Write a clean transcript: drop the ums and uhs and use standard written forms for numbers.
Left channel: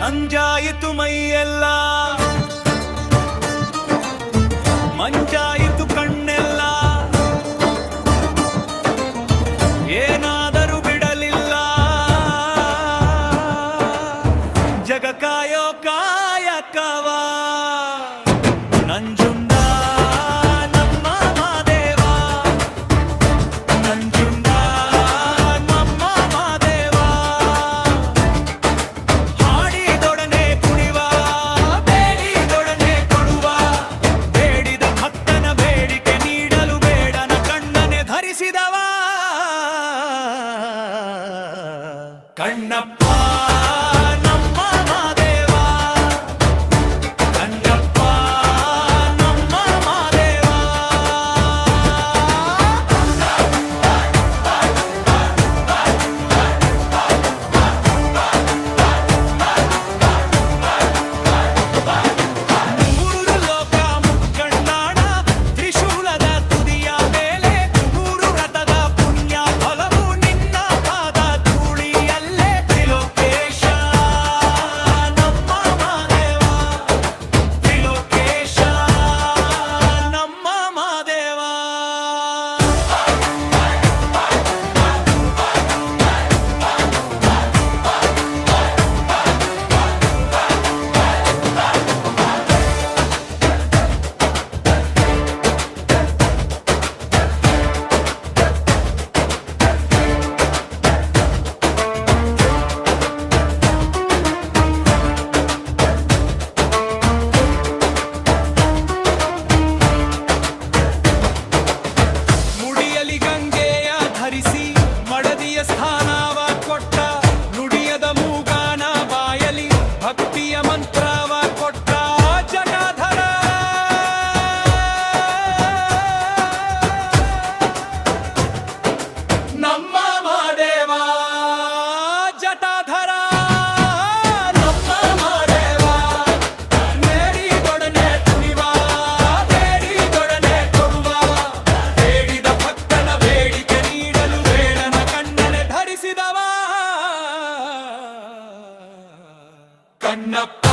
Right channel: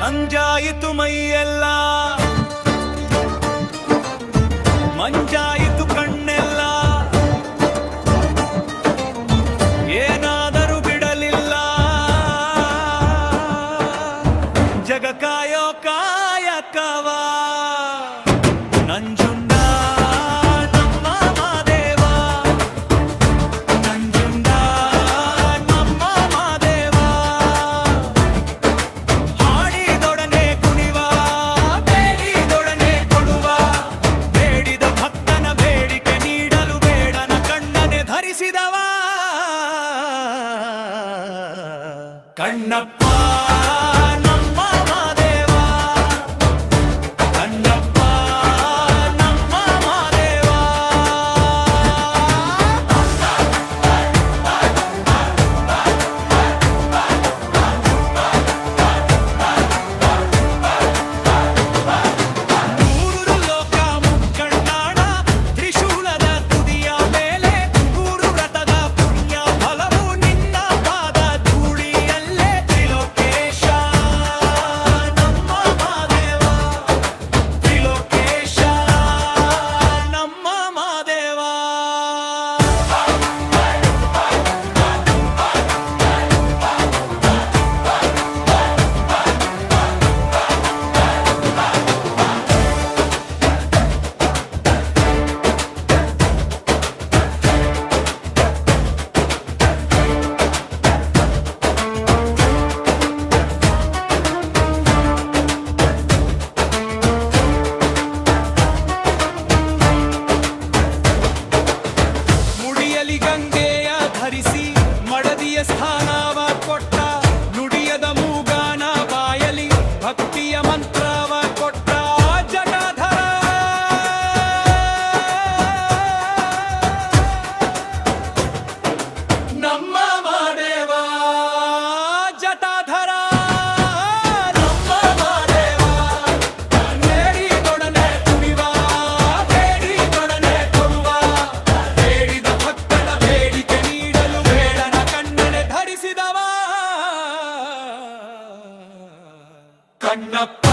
ನಂಜಾಯಿತು ಮೈಯೆಲ್ಲ, ಮಂಜಾಯಿತು ಕಣ್ಣೆಲ್ಲ, ಏನಾದರೂ ಬಿಡಲಿಲ್ಲ ಜಗ ಕಾಯೋ ಕಾಯಕವ. ನಂಜುಂಡ ನಮ್ಮ ಮಾದೇವ, ನಂಜುಂಡ ನಮ್ಮ ಮಾದೇವ, ಹಾಡಿದೊಡನೆ ಕುಣಿವ, ಬೇಡಿದೊಡನೆ ಕೊಡುವ, ಬೇಡಿದ ಭಕ್ತನ ಬೇಡಿಕೆ ನೀಡಲು ಬೇಡನ ಕಣ್ಣನೆ ಧರಿಸಿದವ ಕಣ್ಣಪ್ಪ ನಮ್ಮ ಮಾದೇವ, ಕಣ್ಣಪ್ಪ ನಮ್ಮ ಮಾದೇವ. ಮೂರು ಲೋಕ ಮುಕ್ಕಣ್ಣಾಣ ತ್ರಿಶೂಲದ ತುದಿಯ ಮೇಲೆ, ನೂರು ವ್ರತದ ಪುಣ್ಯ ಫಲವು ನಿನ್ನ ಪಾದ ಧೂಳಿಯಲ್ಲೇ. ತ್ರಿಲೋಕೇಶ ನಮ್ಮ ಮಾದೇವ, ತ್ರಿಲೋಕೇಶ ನಮ್ಮ ಮಾದೇವ. ಮುಡಿಯಲಿ ಗಂಗೆಯ ಧರಿಸಿ ಮಡದಿಯ ಸ್ಥಾನವ ಕೊಟ್ಟ, ನುಡಿಯದ ಮೂಗಾನ ಬಾಯಲಿ ಭಕ್ತಿಯ ಮಂತ್ರವ ಕೊಟ್ಟ ಜಟಾಧರ. ನಮ್ಮ ಮಾದೇವ ಜಟಾಧರ, ನಮ್ಮ ಮಾದೇವ, ನೇಡಿದೊಡನೆ ಕುಣಿವ, ಬೇಡಿದೊಡನೆ ಕೊಡುವ, ಬೇಡಿದ ಭಕ್ತನ ಬೇಡಿಕೆ ನೀಡಲು ಬೇಡನ ಕಣ್ಣನೆ ಧರಿಸಿದವ ಕಣ್ಣಪ್ಪ